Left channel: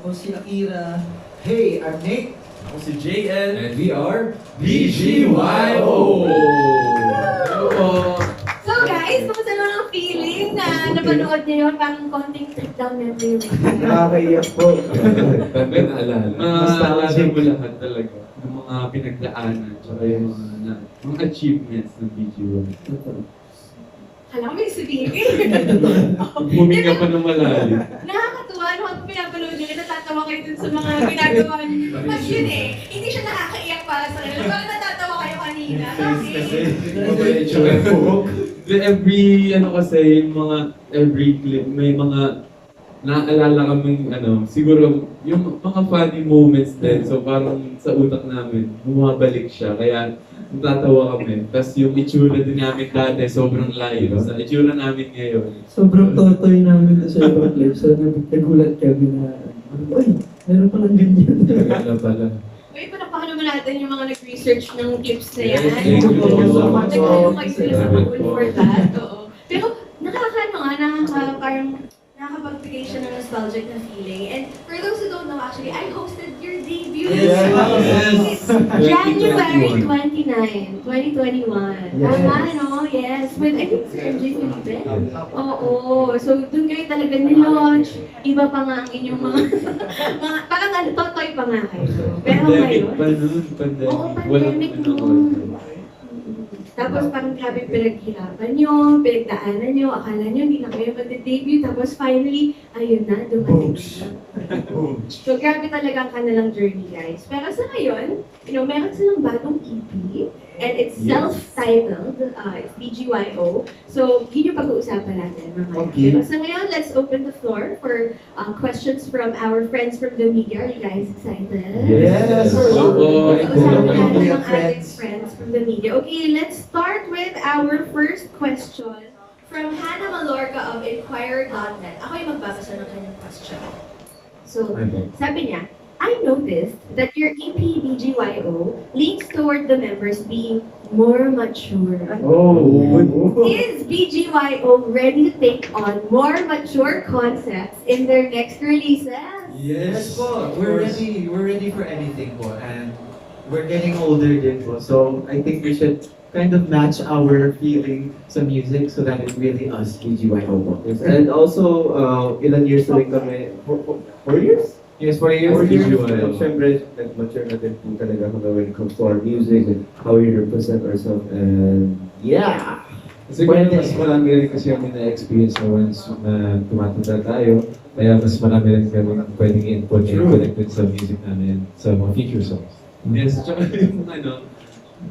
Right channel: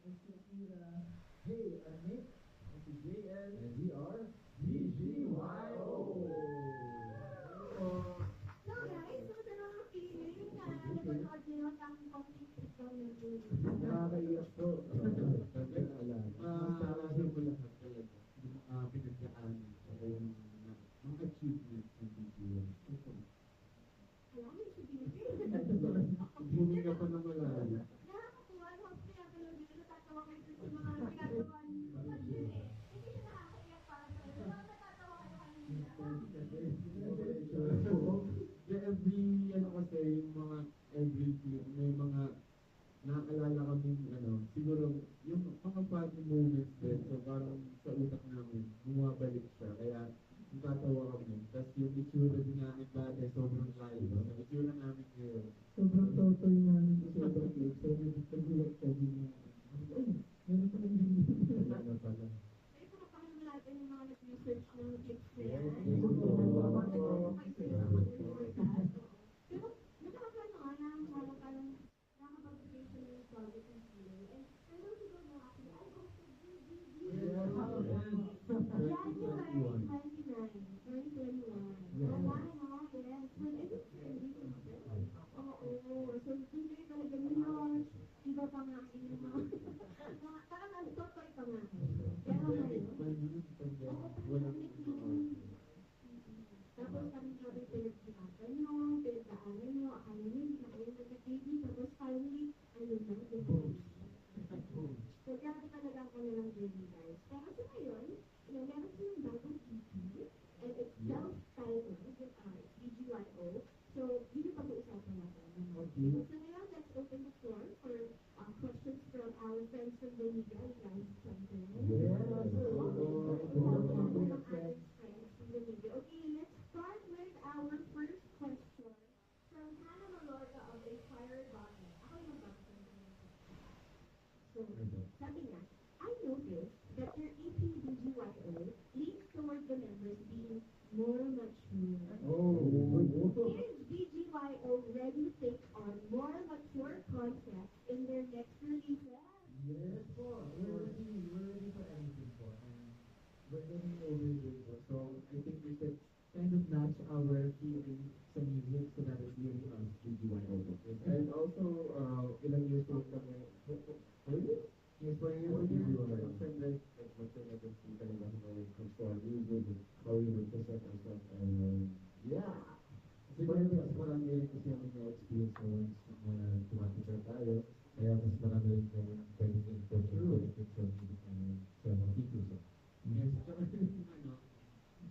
Ako si Akira. Hey, I'm Nick. Ako si JL. And we are BGYO! Hello! So guys, kumusta naman ang feeling na napanood niyo yun? Parang konting trip down memory lane. Nakakaiyak po. Kami naalala. Maalala mo lahat talaga. Yung mga pinagdaanan, tsaka yung mga achievements ng BGYO. Alam ko may sabihin. Huminga pa ng malalim. Nakakatuwa, ano kung pinapanood niyo, natatawa kayo dun sa mga ginagawa niyo. Mas yun eh, hindi siya nakakaiyak para sa kanila. Parang natatawa kayo kanina. Every, every clip, may mga naaalala kaming, siguro, yung mga funny moments din. So parang sa utak namin, bumabalik siya. Kaya natatawa kami. Tapos yung itsura din namin dati, sobrang layo. Sa itsura namin ngayon. Sobrang totoy namin sa ibang clip. So, nagulat kami na, ay, meron palang ganyan. Kaya pala. Wait, palakpakan naman natin yung mga nag-research ng clips na yan. Yes, thank you so much. Nag-ano kayo sila sa Google for that. Oo. Pero parang nakakapagbigay siya ng nostalgic na feeling. And for those who don't know, actually, I hosted your debut. Yes. January 29, 2021. Tama, no? Yes. With, I think, Sir MJ Felipe. Oo. So, dun kayo talaga ni-launch. Iba pa nga ang inyong parang totoy pa nga kayo. Pero Pandemic ngayon, pa nun, pandemic. oo, Walang pandemic pinanood. noon. Tapos parang grabe pinaghirapan nyo, pinagdaanan nyo, akala nyo hindi na kayo mag-debut. Tapos finally, ayun na, dumating na. So grabe talaga ang kanilang journey, guys. Pero sa ngayon, meron silang bagong EP. And it's self-titled, it's BGYO. So, yun yung pag-uusapan natin mamaya. Okay. So ngayon, let's open the floor for questions from our friends from the media. Are you guys excited? Yes. Oo. Pag-usapan natin Media ang ating friends from the media. Okay, let's start with our first question from Hannah Malorca of Inquirer.net. Ako yung magbabasa ng kanyang question. So, sabi niya, I noticed that your EP BGYO leans toward the members being more mature. Is BGYO ready to take on more mature concepts in their next releases? Yes po. We're ready for anything po. And we're getting older din po. So, I think we should kind of match our feeling sa music so that it's really us, BGYO po. Yes, and also, ilan years na rin kami, 4 years? Yes, for years. 4 years. BGYO. And syempre, nag-mature na din po talaga kami when it comes to our music and how we represent ourselves. And yeah! Siguro mas marami rin kasi kami na-experience na once na tumatanda tayo. Kaya mas marami rin kami pwedeng input and connected sa music namin sa mga future songs. Yes, tsaka yung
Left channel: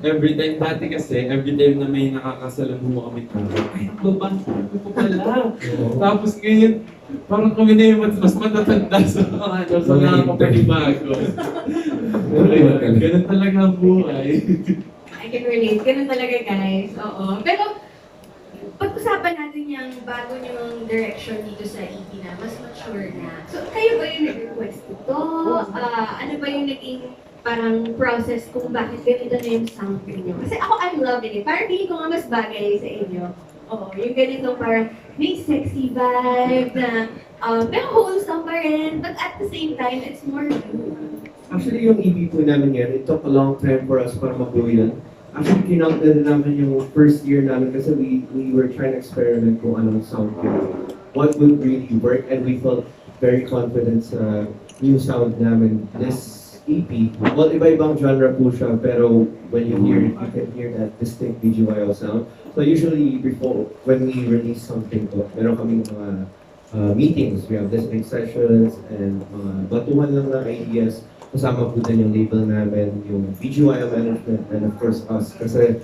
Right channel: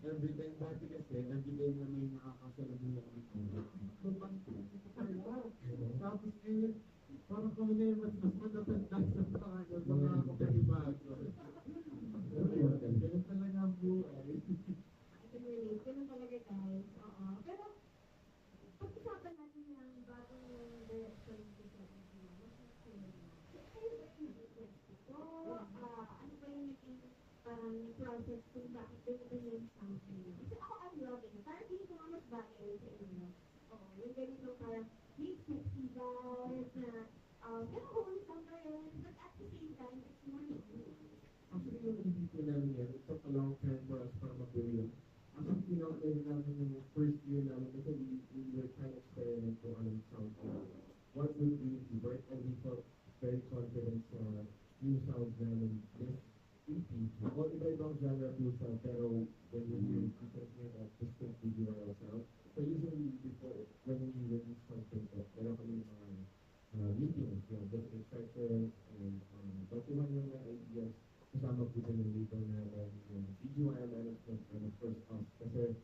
every time, dati kasi, every time na may nakakasalamuha kami tao, ay, babangkin ko pala. Tapos ngayon, parang kami na yung mas matatanda sa mga kapanibago. Ganun talaga ang buhay. I can relate. Ganun talaga, guys. Oo. Pero, pag-usapan natin yung bago niyong direction dito sa EP na, mas mature na. So, kayo ba yung nag-request ito? Ano ba yung naging parang process kung bakit ganito na yung sound niyo? Kasi ako, I'm loving it. Parang feeling ko nga mas bagay sa inyo. Oo, yung ganito parang may sexy vibe na, pero wholesome pa rin. But at the same time, it's more you. Actually, yung EP po namin yan, it took a long time for us para mag-go yan. Actually, kinount na namin yung first year namin kasi we were trying to experiment kung anong sound yun. What would really work, and we felt very confident sa new sound namin this EP. Well, iba-ibang genre po siya, pero when you hear it, you can hear that distinct BGYO sound. So usually, before, when we release something po, meron kaming mga meetings, we have listening sessions, and batuhan lang ng ideas. Kasama po din yung label namin, yung BGYO management, and of course us. Kasi,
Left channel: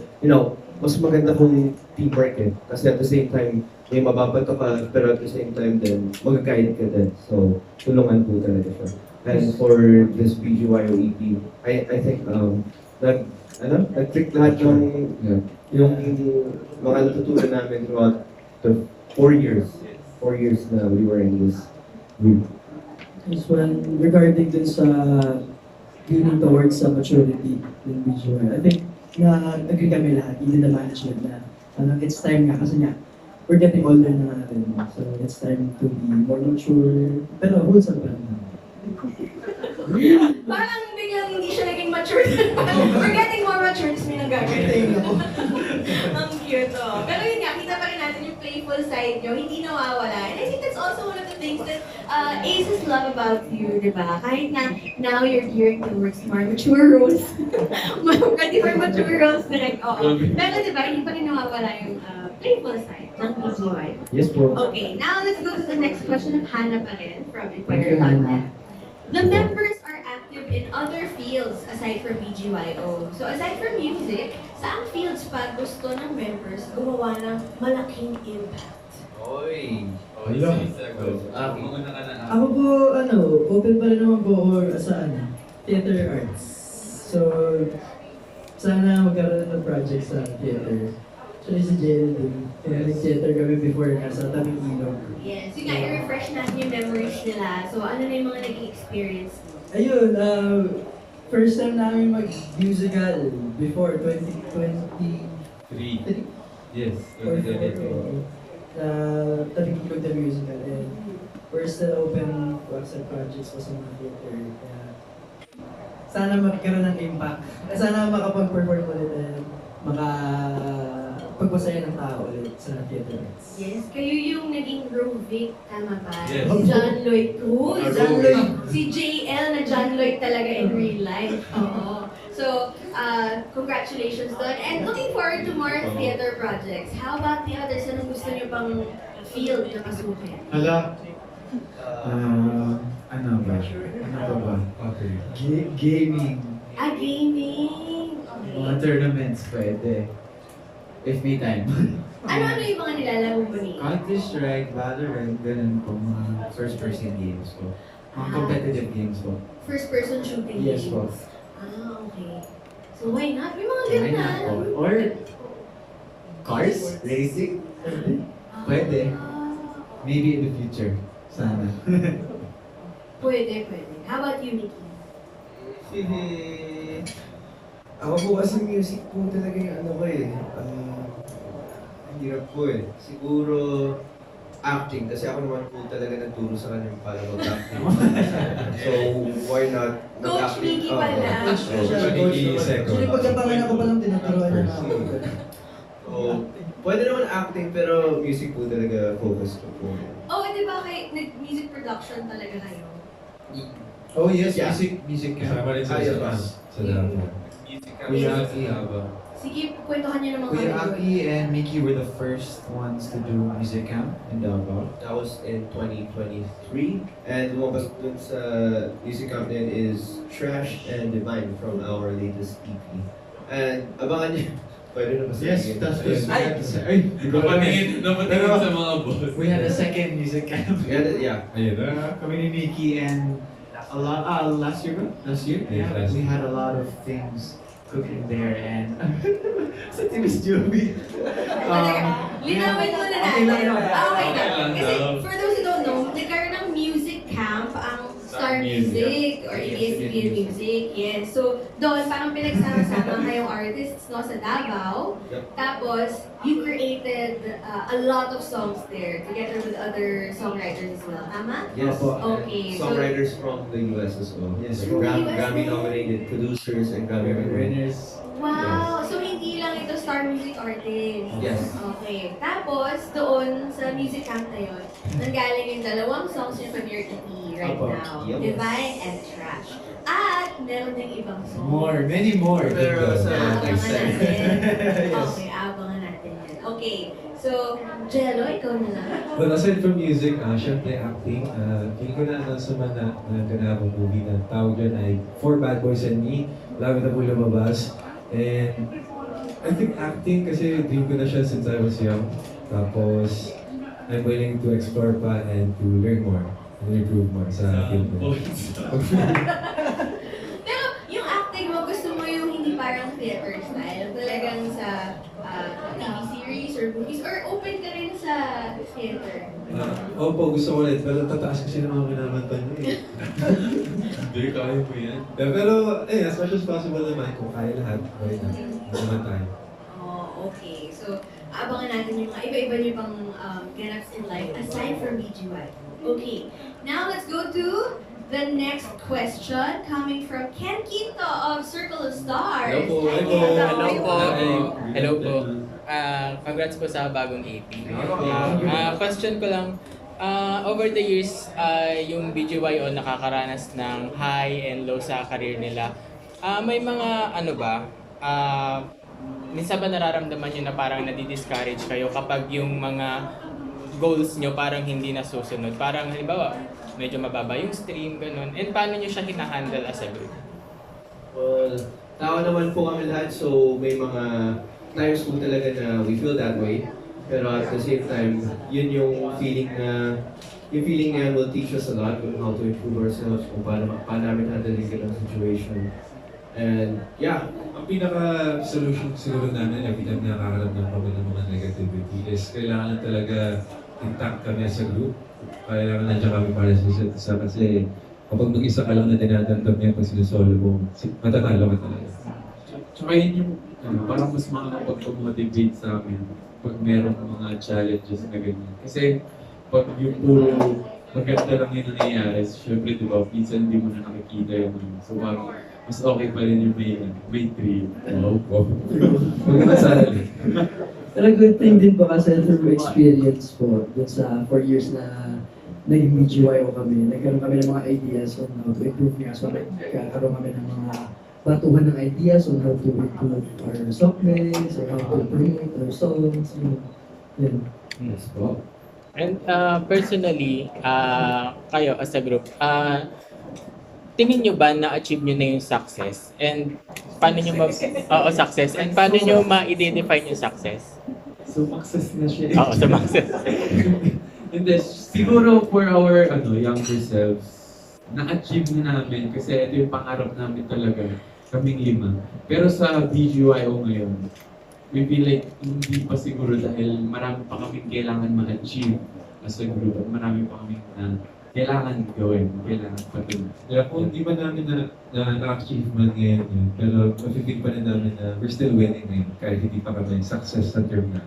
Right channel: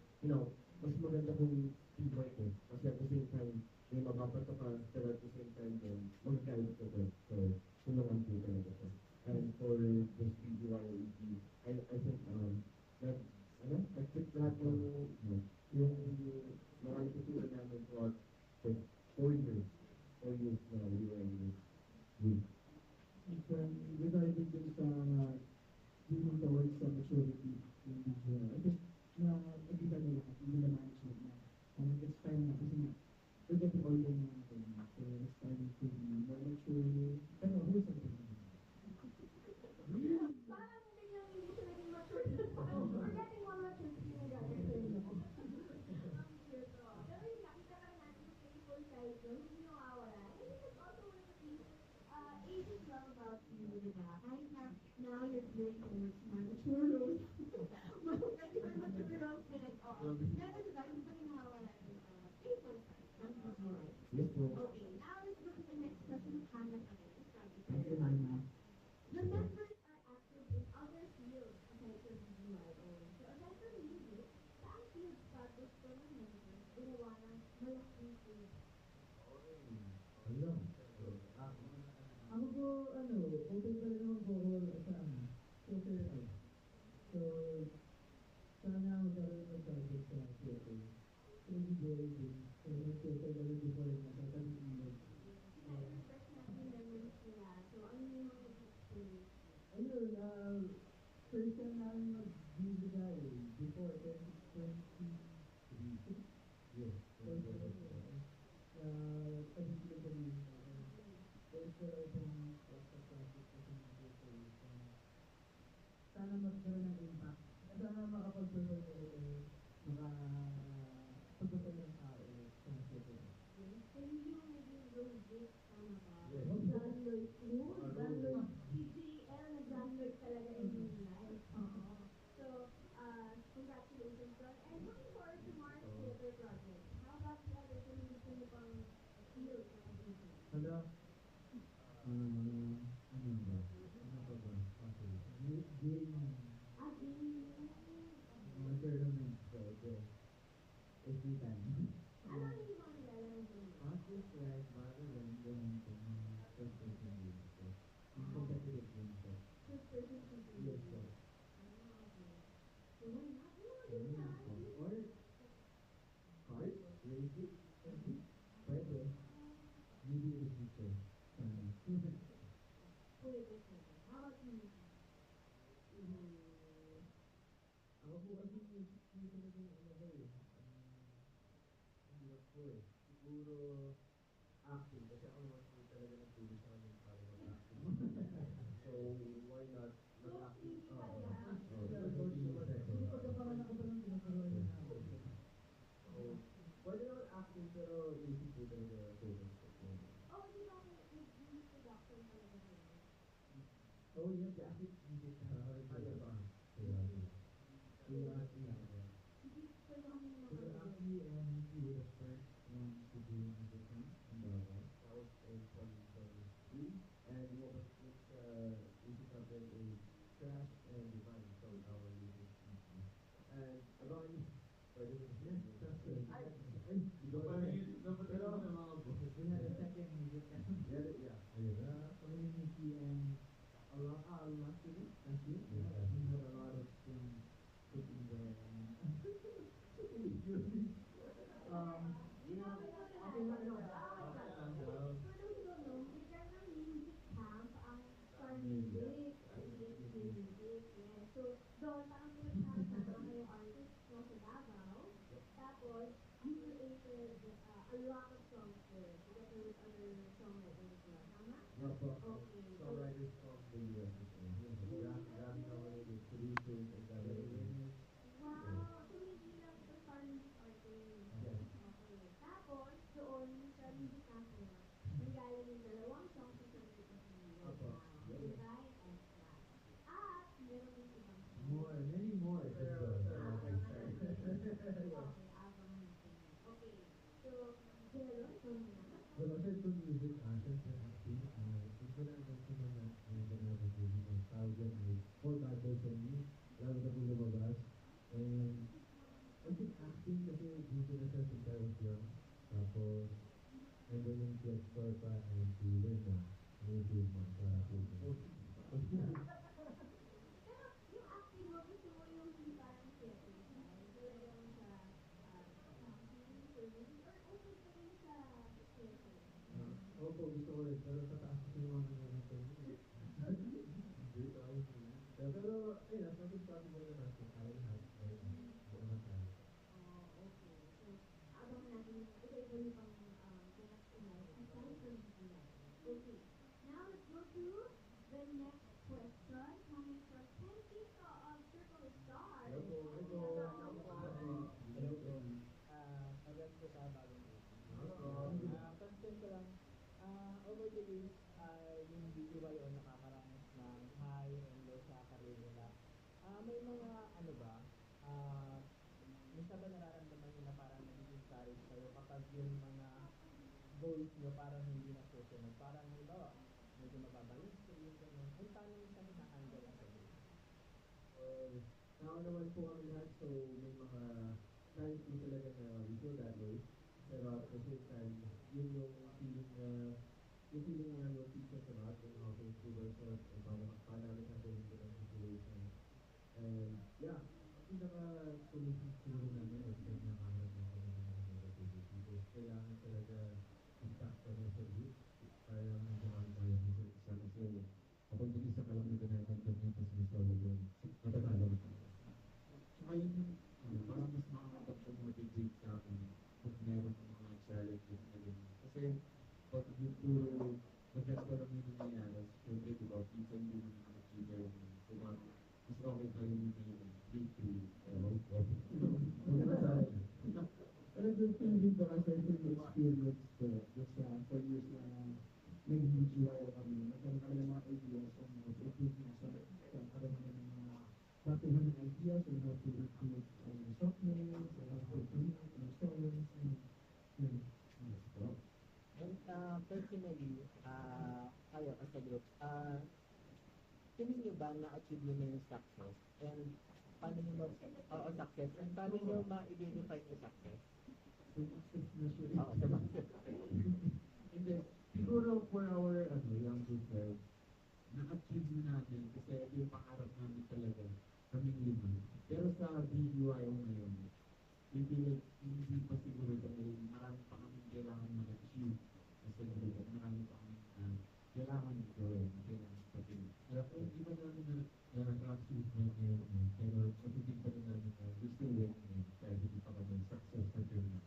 mas maganda kung teamwork eh. Kasi at the same time, may mababato ka, pero at the same time din, mag-guide ka din. So, tulungan po talaga siya. And for this BGYO EP, I think, nag-trick lahat yung mga natutunan namin throughout the 4 years. 4 years na we were in this group. This one, regarding din sa leaning towards sa maturity ng BGYO, I think na agree kami lahat, even the management na it's time nga kasi nga we're getting older na natin. So it's time to be more mature, pero wholesome pa rin. Parang biglang hindi siya naging mature. We're getting more mature, tapos may nagagawin. Ang cute, oh. Pero yun nga, kita pa rin natin yung playful side nyo, hindi nawawala. And I think that's also one of the things that Aces love about you, di ba? Kahit na now you're gearing towards more mature roles. Ready for mature roles, direct, oo. Pero di ba, hindi pa rin nawawala yung playful side ng BGY. Yes po. Okay, now let's go to the next question of Hannah pa rin from Thank Inquirer you, Hannah. The members are active in other fields aside from BGYO. So aside from music, saan fields pa gusto ng members gumawa ng malaking impact? Oy! Hello. Mauna ka na. Ako po, open pa rin naman po ako sa theater arts. So, sana magkaroon ng project sa theater. Actually, si JL din. Kaya nag-theater kami before nasa tabing ilog. Yes, yun nga, i-refresh natin yung memories nila. So ano na yung mga naging experience mo? Ayun, first time namin mag-musical before 2023 3. Yes. or 4. Tabing ilog na musical. And we're still open to accept projects pa sa mga theater. Kaya sana magkaroon ng impact. Sana makapag-perform ulit and pagpasaya ng tao ulit sa theater arts. Yes, kayo yung naging Rovic, tama ba? Yes. Si John Lloyd Cruz. John Lloyd. Si JL na John Lloyd talaga in real life. Oo. So, congratulations doon. And looking forward to more theater projects. How about the others? Anong gusto niyo pang field na pasukin? Hala. Ano ba? Ano ba? Okay. Gaming. Gaming! Mga Okay. tournaments pwede. If may time. Ano-ano yung mga nilalaro mo ni? Counter-Strike, Valorant, ganun po. Mga first-person games po. Mga competitive games po. First-person shooting Yes, po. games. Okay. So why not? May mga Why ganun not po? Or cars? Racing? Pwede. Maybe in the future. Sana. Pwede. How about you, Nikki? Ako po kasi music po talaga yung ano ko eh. Ang hirap po eh. Siguro acting kasi ako naman po talaga nagturo sa kanya para mag-acting. So why not Coach Mickey pala. Coach Siya, coach naman. Actually, pagkapangan ako palang tinuturuan niya na ako. So, pwede naman acting pero music po talaga focus ko po. Oh, di ba nag-music production talaga kayo? Oh yes, Yeah. music Kasama rin sa Ayos. sa Davao. Kuya Aki. Sige, kwentuhan niyo naman Kuya kami. Aki and Mickey were the first ones to do music camp in Davao. That was in 2023. And lumabas dun sa music camp din is Trash and Divine from our latest EP. And abangan niyo. Pwede na ba Yes, that's Ayun. Ay! Napatingin sa mga boss. We had a second music camp. Yeah. Ayun na. Kami ni Mickey and a lot, last year ba? Last year? Yeah, Yeah, last we year. had a lot of things cooking there and sa Miss Joby. Linawin muna natin. Okay lang yun. Okay na. Okay lang Kasi daw. for those who don't know, nagkaroon ng music camp ang Star Music or ABS-CBN Music. Yes. So, doon parang pinagsama-sama kayong artists no, sa Davao. Yep. Tapos, you created a lot of songs there together with other songwriters as well. Tama? Yes. Okay. So, Songwriters from the US as well. Yes, Like from the US Grammy din. nominated producers and Grammy winners. Winners. wow! So, hindi lang ito Star Music artist. Yes. Okay. Tapos, doon sa music camp na yun, nanggaling yung dalawang songs yung from your EP right Apo. now. Yep. Divine and Trash. At meron ding ibang songs. More, many more. Pero sa Abangan next time. natin. Yes. Okay, abangan natin yan. Okay. So, Jello, ikaw na lang. Well, aside from music, syempre acting, feel ko na sa mga ganabang movie na tawag dyan ay For Bad Boys and Me. Love na po lumabas. And I think acting kasi dream ko na siya since I was young. Tapos, I'm willing to explore pa and to learn more and improve more sa field ko. Pero yung acting mo, gusto mo yung hindi parang theater style. Talagang sa TV series or movies or open ka rin sa theater. Opo, gusto ko ulit. Pero tataas kasi ng mga kinamanta niyo eh. Hindi, kaya mo yan. Pero, as much as possible naman, kung kaya lahat, why not? Hindi naman tayo. Oh, okay. So, abangan natin yung mga iba-iba niyo pang ganaps in life aside from BGY. Okay. Now, let's go to the next question coming from Ken Quinto of Circle of Stars. Hello po. Hi, Hello. Ken. Hello po. Hi. Hello po. Congrats po sa bagong AP. Question ko lang, over the years, yung BGYO nakakaranas ng high and low sa career nila. May mga ano ba, minsan ba nararamdaman nyo na parang nadi-discourage kayo kapag yung mga goals nyo parang hindi nasusunod? Parang halimbawa, medyo mababa yung stream, ganun. And paano nyo siya hinahandle as a group? Well, tao naman po kami lahat, so may mga times po talaga na we feel that way. Pero at the same time, yun yung feeling na yan will teach us a lot on how to improve ourselves, kung paano namin handle yung ganung situation. And yeah, Ang pinaka-solution siguro namin every time nakakaramdam kami ng mga negativity is kailangan talaga intact kami as a group. Kailangan nandiyan kami para sa isa't isa kasi kapag mag-isa ka lang na dinadamdam niya pag sinusolo mo, matatalo ka talaga. Tsaka yun yung, parang mas makakapag-motivate sa amin pag merong mga challenges na ganyan. Kasi pag yung puro maganda lang yung nangyayari, syempre di ba, minsan hindi mo na nakikita yung so parang mas okay pa rin yung may three. Wow. Huwag ka masali. Pero good thing din po kasi through experience po, dun sa 4 years na naging BGYO kami, nagkaroon kami ng mga ideas on how to improve nga. So nagkaroon kami ng mga batuhan ng ideas on how to improve our song mix, or how to promote our songs, yun. yes po. And personally, kayo as a group, tingin nyo ba na-achieve nyo na yung success? And paano nyo success? And paano nyo ma-identify yung success? So, success na siya. Oo, sa success. Hindi, siguro for our younger selves, na-achieve na namin kasi ito yung pangarap namin talaga, kaming 5. Pero sa BGYO ngayon, we feel like hindi pa siguro dahil marami pa kaming kailangan ma-achieve as a group at marami pa kaming kailangan gawin, kailangan patuloy. Yeah, kung di ba namin na-achieve man ngayon yun, pero mafe-feel pa rin namin na we're still winning ngayon kahit hindi pa kami success sa term na.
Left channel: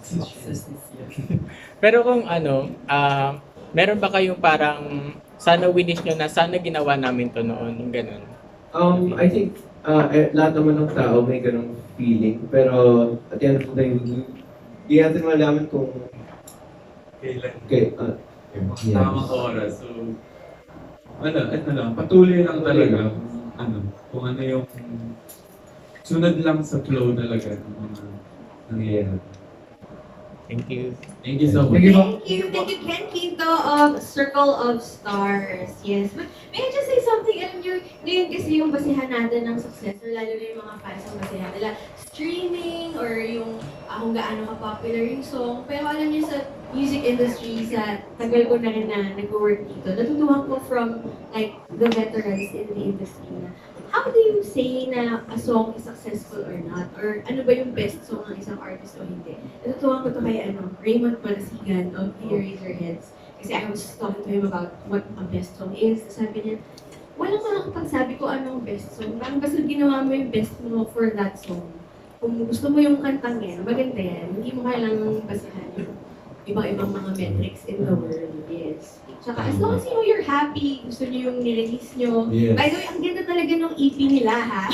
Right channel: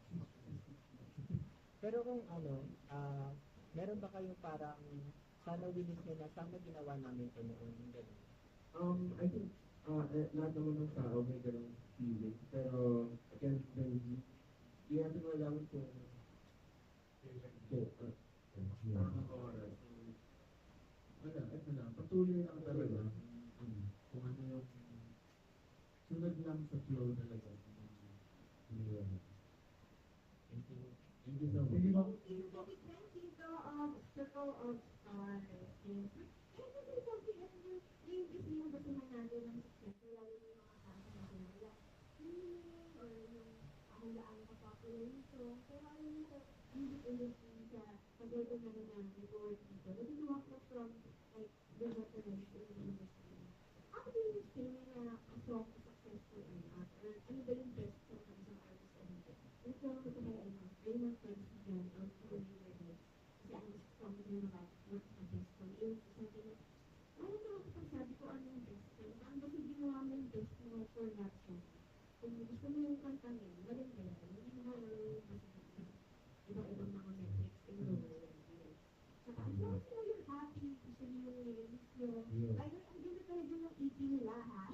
Success. Pero kung meron ba kayong parang sana winish nyo na sana ginawa namin to noon, yung ganun? I think lahat naman ng tao may ganung feeling, pero at the end of the day, di natin malaman kung Kailan? yes. Tamang oras. So, ito lang, patuloy lang talaga kung ano yung sunod lang sa flow talaga ng mga nangyayari. Thank you. Thank you so much. Thank you, Ken Quinto of Circle of Stars. Yes, but may I just say something? Alam nyo, ngayon kasi yung basihan natin ng success, or lalo na yung mga fans ang basihan nila, streaming, or yung kung gaano ka-popular yung song. Pero alam nyo sa music industry, sa tagal ko na rin na nag-work dito, natutuhan ko from like the veterans in the industry na how do you say na a song is successful or not? Or ano ba yung best song ng isang artist o hindi? Natutuwa ko to kay Raymond Palasigan of The Eraserheads. Kasi I was talking to him about what a best song is. Sabi niya, walang makakapagsabi ko anong best song. Parang basta ginawa mo yung best mo for that song. Kung gusto mo yung kantang yan, maganda yan. Hindi mo kailangang basahan yung ibang mga metrics in the world. Yes. Tsaka as long as you know you're happy, gusto niyo yung nirelease niyo. Yes. By the way, ang ganda talaga ng EP nila ha.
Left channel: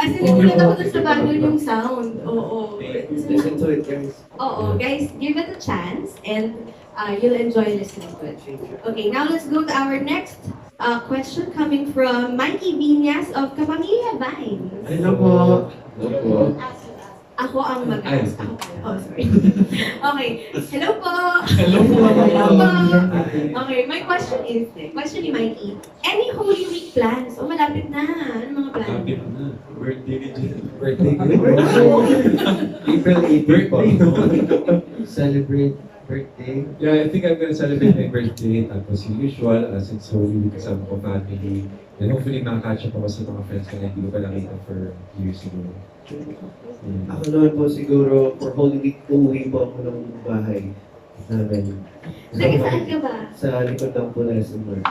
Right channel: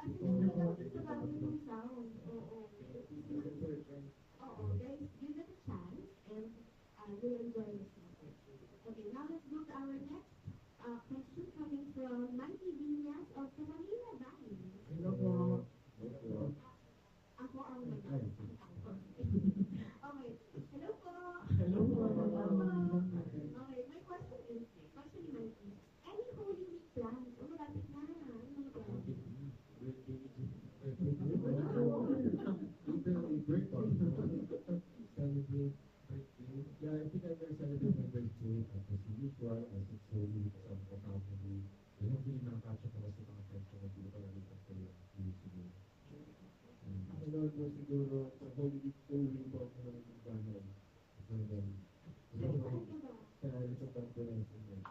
As in, nagulat ako dun sa bago yung sound. Oo. Listen to it, guys. Oo, guys, give it a chance and you'll enjoy listening to it. Okay, now let's go to our next question coming from Mikey Viñas of Kapamilya Vines. Hello po. Hello po. Ako ang mag-ask. Ako pala. Oh, sorry. Okay. Hello po. Hello po. Hello po. Okay, my question is, question ni Mikey, any Holy Week plans? O malapit na. Ano mga plans? Happy na. Birthday ni Jen. Birthday ko. April 18 po. Birthday. Celebrate birthday. Yeah, I think I'm gonna celebrate my birthday. Tapos yung usual, since Holy Week kasama ko family. And hopefully makaka-catch up ako sa mga friends ko na hindi ko pa nakita for years siguro. Ako naman po siguro, for Holy Week, uuwi po ako ng bahay namin. Taga saan ka ba? Sa likod ng po na SMR.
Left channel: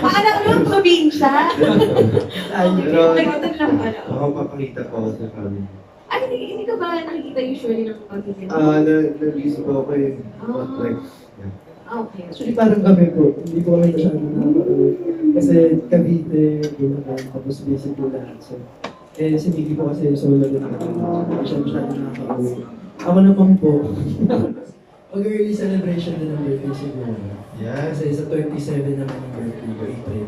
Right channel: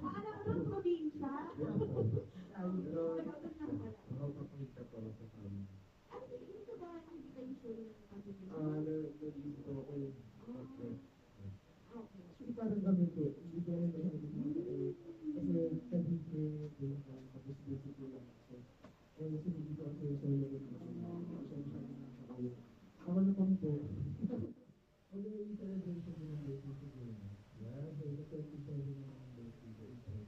Akala ko naman probinsya. Pero Nagkatan lang pala. ako papakita po ako sa family. Ay, hindi ka ba nakikita usually ng pamilya? Na-busy po ako eh. But like, Okay. Actually, parang kami po, hindi po kami masyadong nakaka-uwi. Kasi Cavite, Bulacan, tapos basic po lahat. So, si Miggy po kasi solo din ako. Hindi siya masyadong nakaka-uwi. Ako naman po, mag-early celebration din ng birthday siguro. Yeah. Kasi sa 27 naman yung birthday ko, April.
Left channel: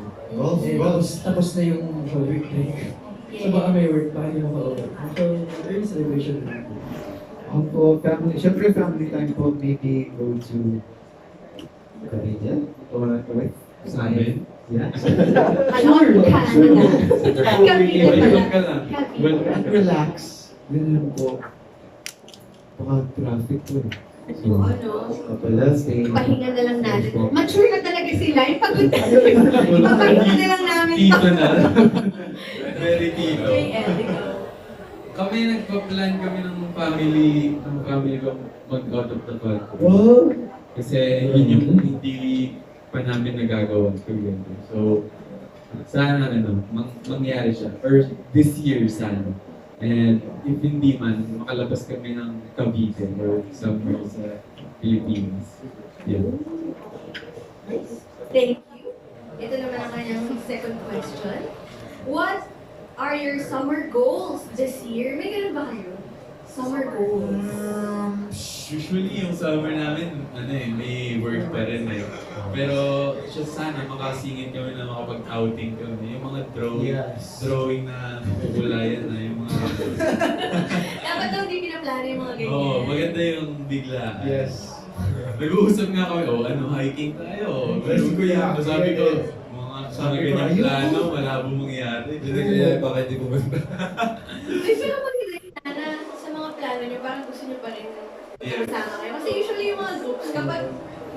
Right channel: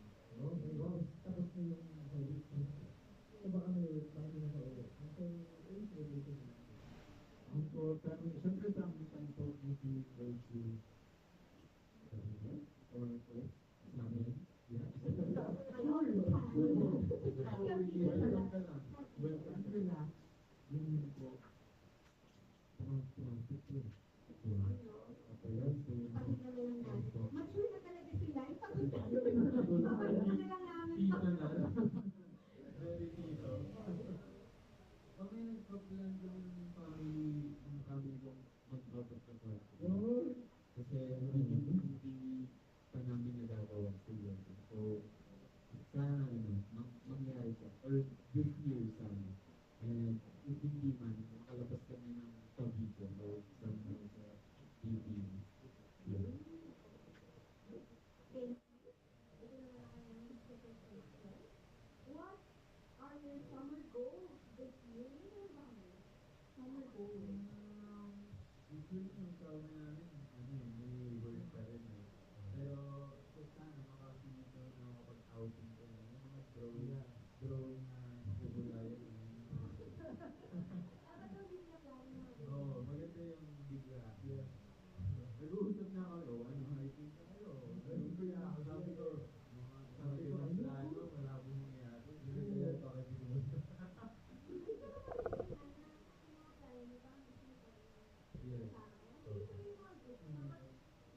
Golf, Tapos na yung work break. So baka may work, baka hindi mo ka-uwi. So, early celebration din ako. Ako, family, syempre family time po, maybe go to Cavite or Sa amin? Yeah. Ano? Canada. Cavite Welcome pala. ka lang. Cavite. And relax. Ganun po. Baka traffic po eh. So, Ano? pala, stay. Pahinga na lang natin. Mature na talaga sila. Ipagod na. Ipapahinga na lang namin to. Tito na. Very tito. Okay, Ed, ikaw. Kami nagpa-plan kami ng family ko mag-out of the country. Oh! Kasi yun yung hindi pa namin nagagawa together. So, sana mangyari siya. Or this year sana. And if hindi man, makalabas kami ng Cavite or somewhere sa Philippines. Yeah. Thank you. Ito naman ang kanyang second question. What are your summer goals this year? May ganun ba kayo? Summer goals. Usually yung summer namin, may work pa rin eh. Pero siya sana makasingit kami na makapag-outing kami. Yung mga drawing na kukulayan na yung mga... Dapat daw hindi pinaplano yung mga ganyan. Oo, maganda yung bigla. Yes. Nag-uusap nga kami, hiking tayo. Pero sabi ko, mga ganyang plano, malabo mangyari. Hindi kaya baka hindi pumunta. Ay, pero maganda yung sana sa mga plano nyo, parang gusto nyo pa rin kasama kayo. Kasi usually yung mga groups, kapag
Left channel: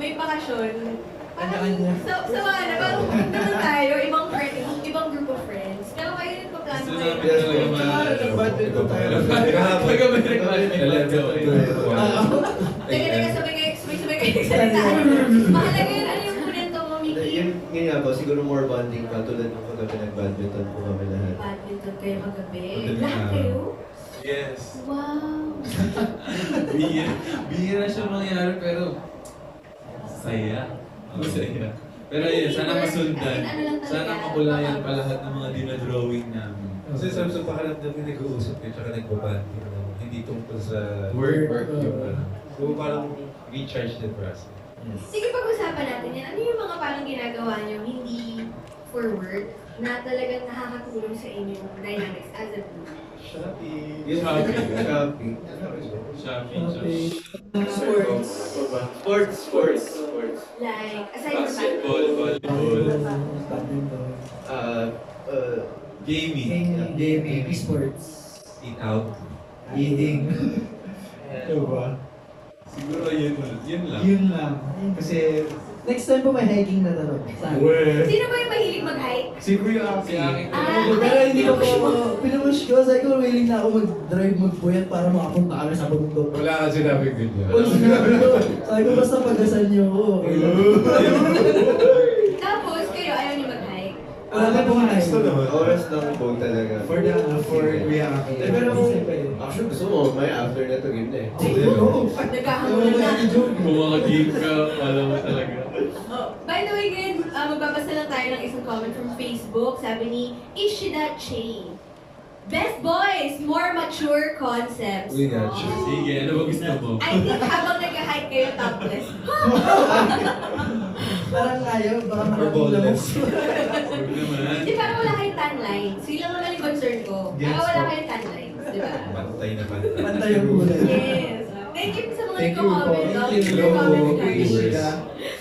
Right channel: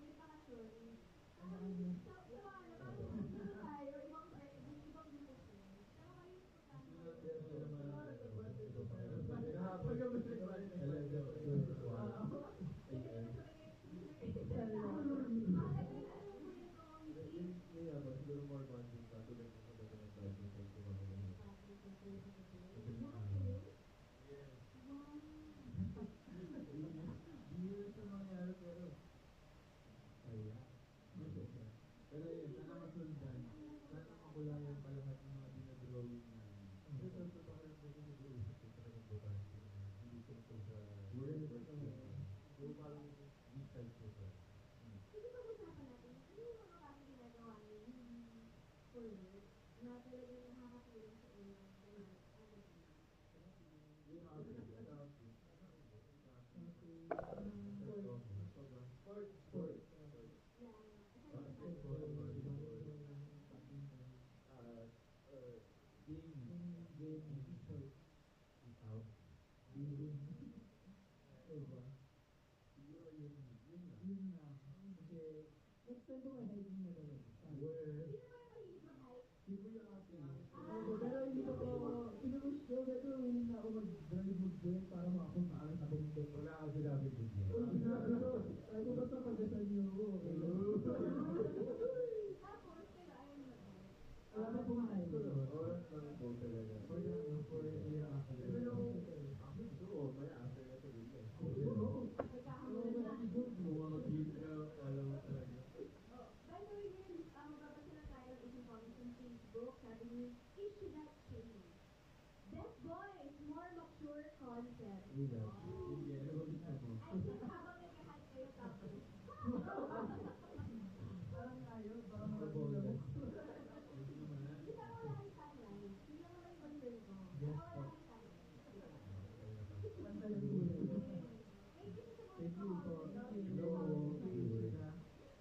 may bakasyon, parang parang naman tayo, ibang group of friends. Pero kayo nagpaplano Gusto kayo. namin talaga Badminton tayo. Pagka may request, let's go. Teka, sabay kayo nagsalita. Mahalaga yun, ano yung kunento mo, Miki? Yun nga po, siguro more bonding pa tulad ng kagabi nag-badminton po kami lahat. Badminton kayo kagabi. Madaling Lahat araw. kayo? Yes. Wow! Bihira siya mangyari pero saya. Masaya. Pero yun, sana masundan. Sana makulayan pa lahat ng mga dinadrawing namin. Kasi sa pakaramdam yung nag-uusap kayo tsaka nagbabanding hindi tungkol sa Work. So parang recharge din for us. Sige, pag-usapan natin yan. Ano yung mga parang ginagawa nyo hindi for work na talagang nakakatulong sa inyong dynamics as a group? Shopping. Shopping. Shopping. Shopping. Sports. Like, aside from Basketball, volleyball, Badminton. gaming. Gaming. Sports. Eat out. Eating. Diba? Siguro yun lang. Yun lang. Kasi, Next time po may hiking na tanong. Saan? Sino ba yung mahilig mag-hike? si Kuya Aki. Pero hindi ko po, pinupush ko. Sabi ko, willing na ako mag-drive, magpuyat para makapunta kami sa bundok. Wala ka sinabing ganyan. Well, sinabi ko, sabi ko, basta pagdasal niyo ako. Tapos, kayo ayaw niyo mag-hike? Wala na pong Gusto hiking. naman. Oras lang po talaga. For Kuya Aki. Pero actually gusto mo, may after na to game na eh. Nagkahamulan na. Kung makagame ka, alam mo talaga. Oh, by the way, guys, magbabasa lang tayo ng isang comment from Facebook. Sabi ni Ishida Chain. Best boys, more mature concepts. We got you. Oh. Sige, ano ba gusto mo? I think habang nag-hike kayo topless. Parang ayaw, baka Or maraming boneless. Huwag naman. Di parang wala kayong tan lines. Yun lang naman yung concern ko. Baka wala kayong tan lines, di ba? Pantay na pantay. Pantay yung kulay. Yes. Thank you sa mga Thank you po. nagko-comment. Thank you. Comment Thank you. guys.